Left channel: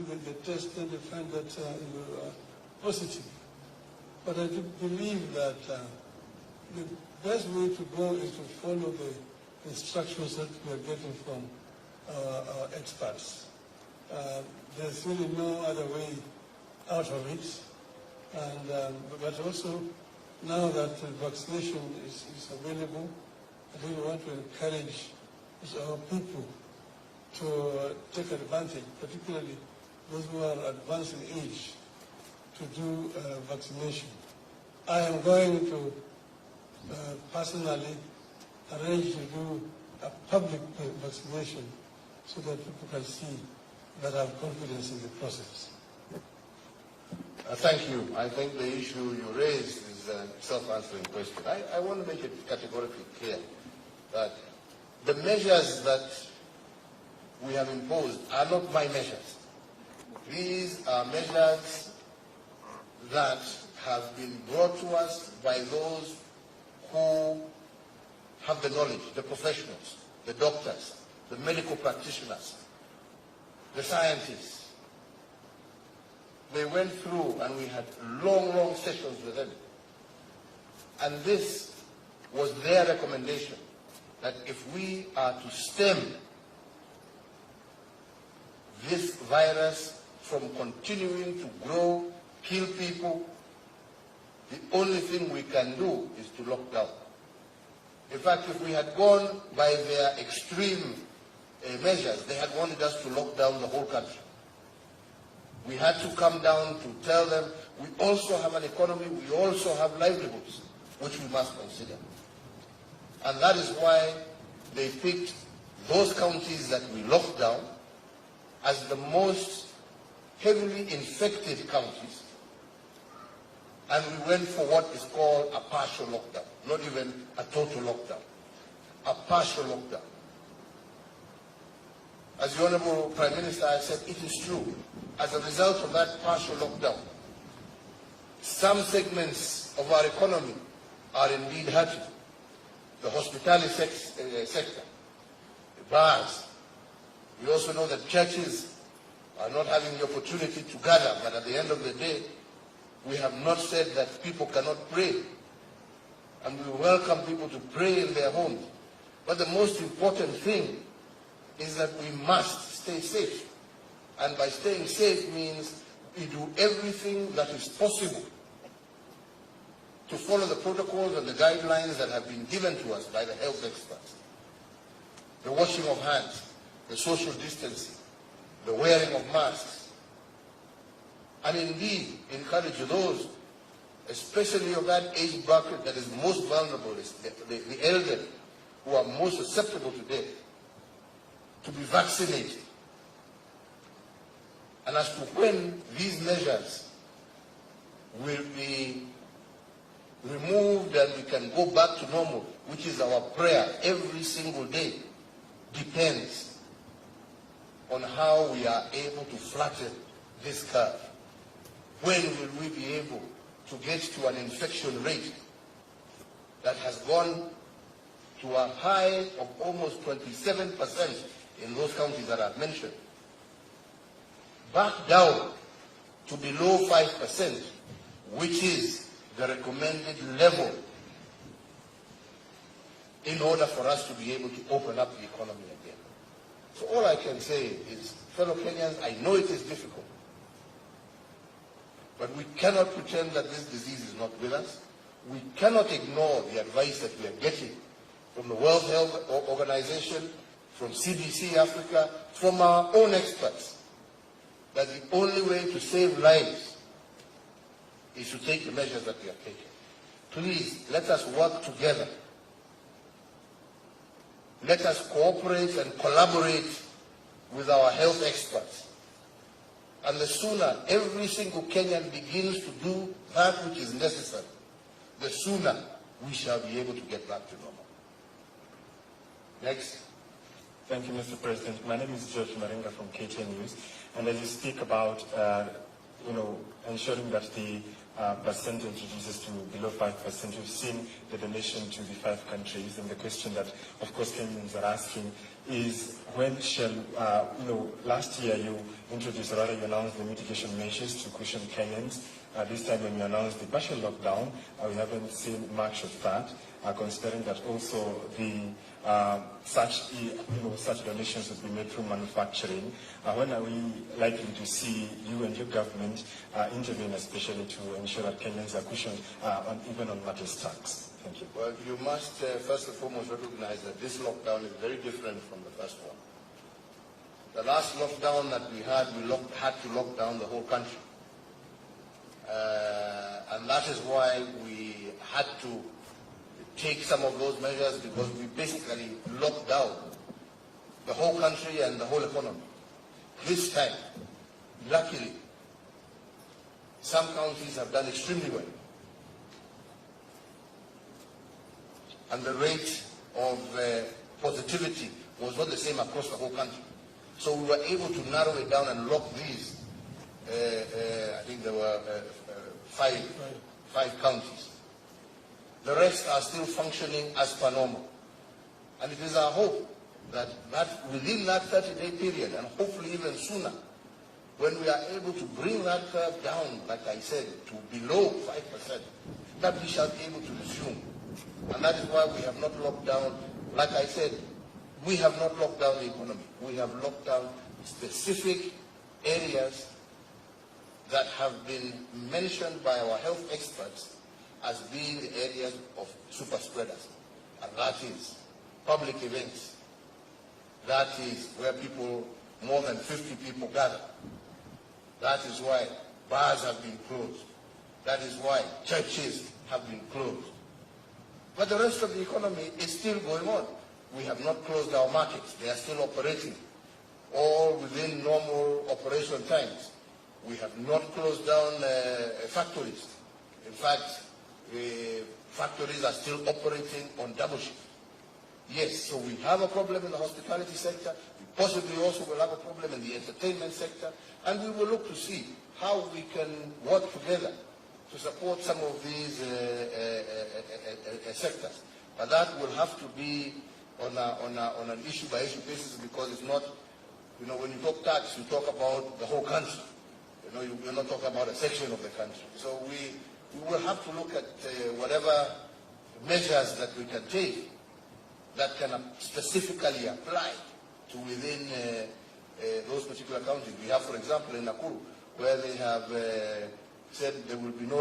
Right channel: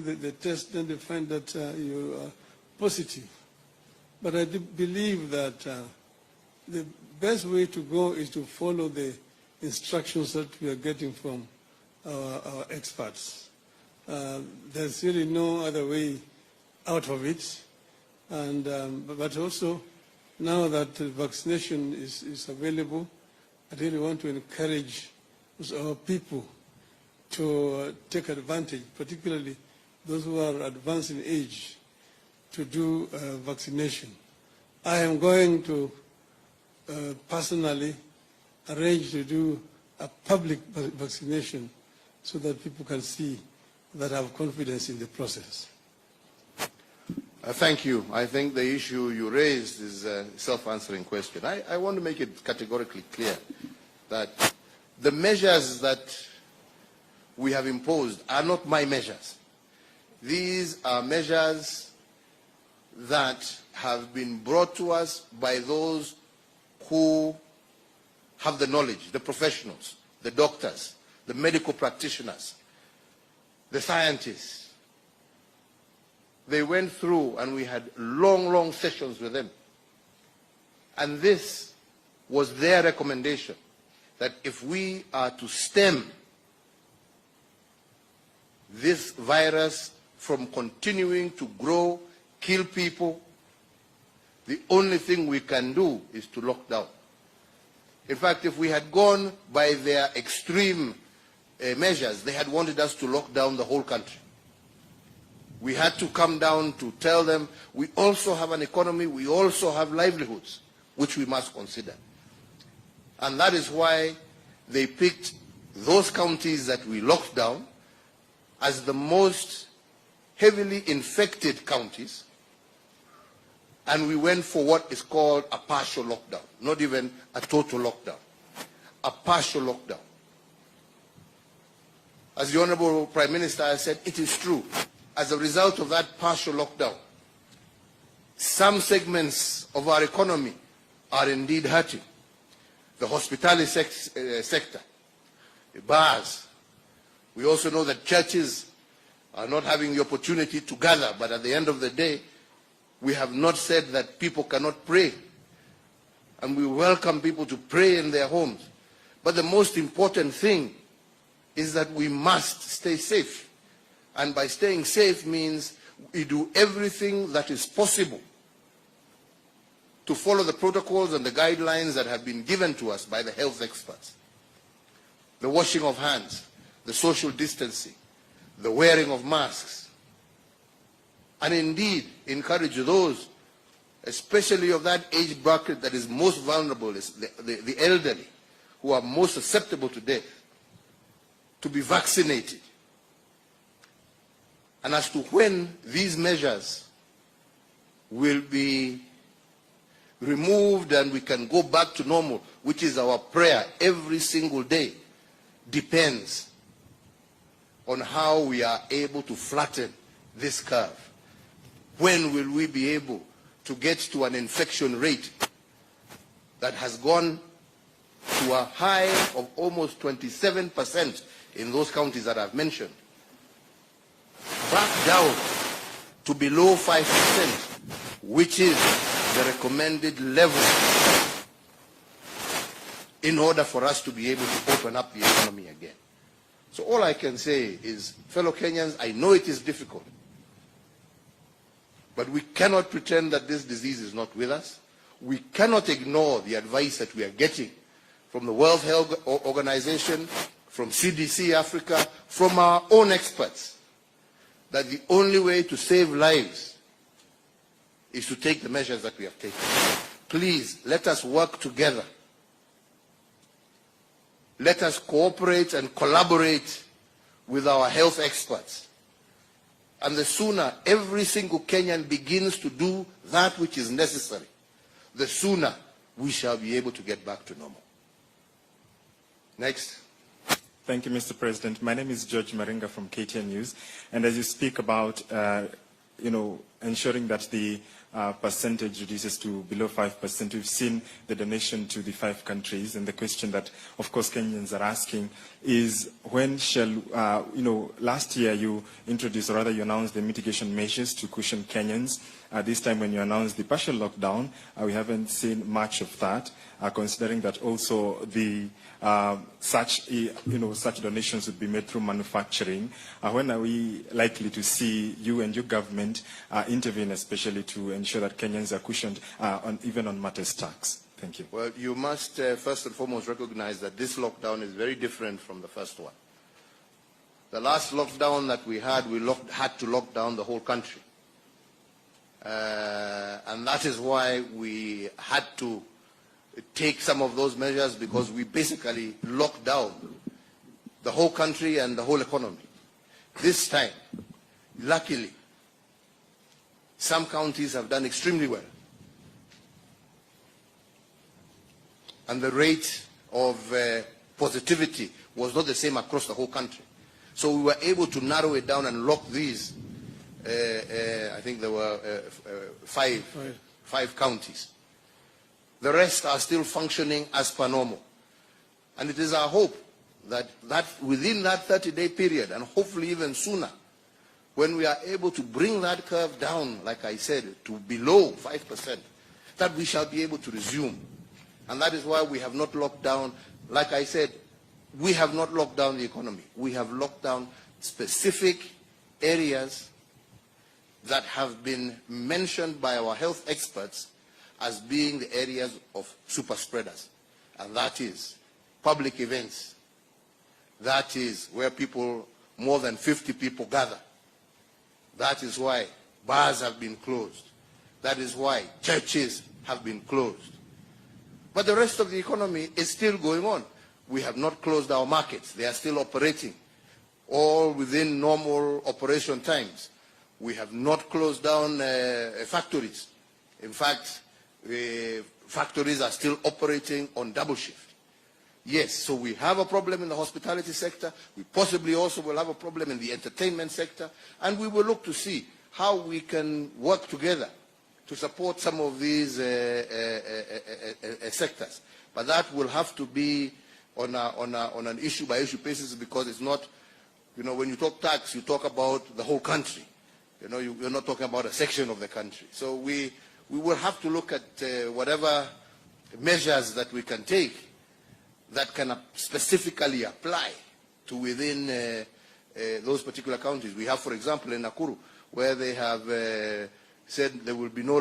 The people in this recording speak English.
do the test and they find that you are positive. But I do believe that the best way to go is to follow the instructions that we are getting from our experts. There's really no other way out of it. And, but also, now that vaccination is available, I really want to encourage our people to take advantage, particularly those who are advanced in age, to do vaccination. I am going to personally arrange to do a public vaccination so that people can see that I have confidence in the process. Thank you. I think the issue you raised is a self-answering question. I want to make it categorically clear that the measures that we have imposed are not my measures. These are measures that have been brought to us by those who have the knowledge, the professionals, the doctors, the medical practitioners, the scientists. They went through and we had long sessions with them. And this was their recommendation, that if we are to stem this virus from continuing to grow, kill people, the only thing we can do is to lock down. In fact, if we had gone by their extreme measures, they had wanted us to lock down the whole country. We had to come down to tell them we also have an economy, we also have livelihoods, which we must consider. And that is why they picked those counties that we locked down as the most heavily infected counties, and we went for what is called a partial lockdown, not even a total lockdown, a partial lockdown. As the Honorable Prime Minister has said, it is true. As a result of that partial lockdown, some segments of our economy are indeed hurting. The hospitality sector, the bars. We also know that churches are not having the opportunity to gather, but at the end of the day, we have not said that people cannot pray. And we welcome people to pray in their homes. But the most important thing is that we must stay safe. And by staying safe means we do everything that is possible to follow the protocols and the guidelines that have been given to us by the health experts. The washing of hands, the social distancing, the wearing of masks, and indeed encourage those, especially of that age bracket that is most vulnerable, the elderly, who are most susceptible to death, to be vaccinated. And as to when these measures will be removed and we can go back to normal, which is our prayer every single day, depends on how we are able to flatten this curve. When will we be able to get to an infection rate that has gone to a high of almost 27% in those counties that I've mentioned, back down to below 5%, which is the recommended level in order for us to be able to open up the economy again. So all I can say is, fellow Kenyans, I know it is difficult, but we cannot pretend that this disease is not with us. We cannot ignore the advice that we are getting from the World Health Organization, from CDC Africa, from our own experts, that the only way to save lives is to take the measures that we are taking. Please, let us work together. Let us cooperate and collaborate with our health experts. And the sooner every single Kenyan begins to do that which is necessary, the sooner we shall be able to get back to normal. Next. Thank you, Mr. President. My name is George Maringa from KTN News. And as you speak about, ensuring that the percentage reduces to below 5%. We've seen the donation to the 5 countries, and the question that, of course, Kenyans are asking is when shall, last year you introduced, or rather you announced the mitigation measures to cushion Kenyans. This time when you announced the partial lockdown, we haven't seen much of that, considering that also the such donations would be made through manufacturing. When are we likely to see you and your government intervene, especially to ensure that Kenyans are cushioned even on matters tax? Thank you. Well, you must first and foremost recognize that this lockdown is very different from the first one. The last lockdown that we had, had to lock down the whole country. And that is why we had to take some of those measures, because we basically locked down the whole country and the whole economy. This time, luckily, some counties have done extremely well. And the rate of positivity was not the same across the whole country. So we were able to narrow it down and lock these. I think there were five counties. The rest are still functioning as per normal. And it is our hope that within that 30-day period, and hopefully even sooner, when we are able to bring that curve down, like I said, to below 5%, that we shall be able to resume. And that is why we have not locked down, like I said, we have not locked down the economy. We have locked down specific areas that have been mentioned by our health experts as being the areas of super spreaders. And that is public events. That is where people, more than 50 people gather. That is why bars have been closed. That is why churches have been closed. But the rest of the economy is still going on. We have not closed our markets. They are still operating, all within normal operation times. We have not closed down factories. In fact, factories are still operating on double shift. Yes, so we have a problem in the hospitality sector. We possibly also will have a problem in the entertainment sector. And we will look to see how we can work together to support some of these sectors. But that will have to be on an issue-by-issue basis, because it's not, when you talk tax, you talk about the whole country. You're not talking about a section of the country. So we will have to look at whatever measures that we can take that can specifically apply to within those particular counties. We have, for example, in Nakuru, where they have said there will be no